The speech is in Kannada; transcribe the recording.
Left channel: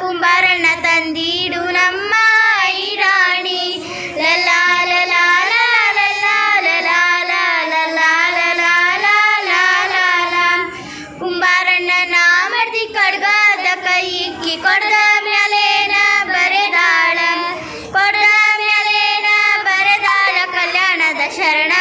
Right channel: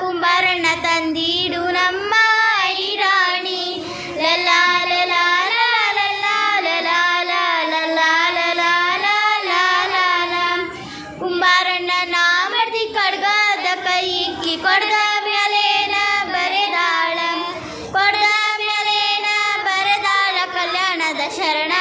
ಕುಂಬಾರಣ್ಣ ತಂದಿಡು ನಮ್ಮ ಈ ರಾಣಿ ಲಲಾ ಲಲಾ ಲಲಾ ಲಲಾ ಲಲಾ ಲಲಾ ಲಲಾ ಲಲಾ ಲಲಾ. ಕುಂಬಾರಣ್ಣನ ಮಡ್ದಿ ಕಡ್ಗದ ಕೈ ಇಕ್ಕಿ ಕೊಡ್ದ ಮ್ಯಾಲೇನ ಬರೆದಾಳ, ಕೊಡ್ದ ಮ್ಯಾಲೇನ ಬರೆದಾಳ ಕಲ್ಯಾಣದ ಶರಣ